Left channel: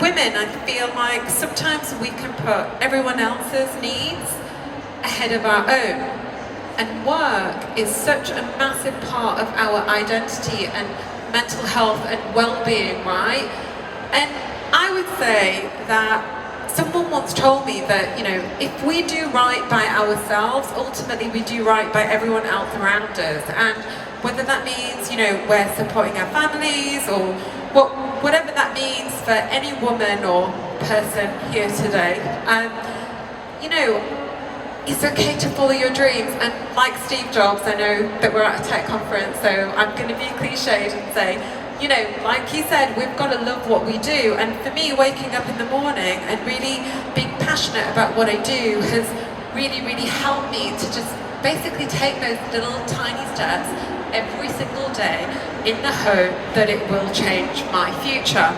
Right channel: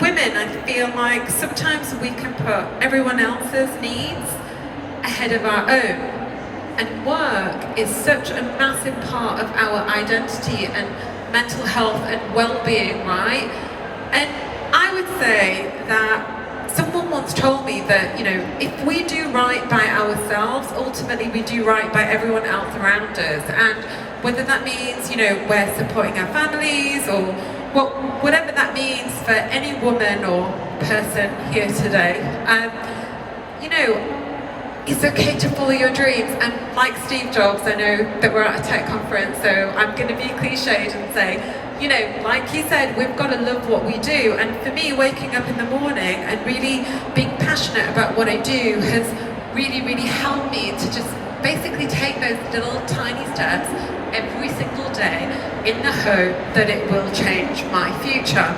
women, I feel like sometimes we can put everyone else's needs ahead of our own. And work is such a massive part of our identity and mental health and well-being, right? And I would say that someone once told me that, you know, if we do right by ourselves, ultimately we do right by everyone else around us. And whether that means, you know, we're supporting our families or whatever that means for any woman or person here today, you know, it's okay to follow your dreams. And like Steve Jobs, I know that we're at a tech conference, so I'm going to be cliched and say, you know, like he said, we've got to love what we do. And for me, waking up in the morning and really being passionate about what I do has really, really helped me to just basically take those little tiny steps every single day in the hope that it will change my future.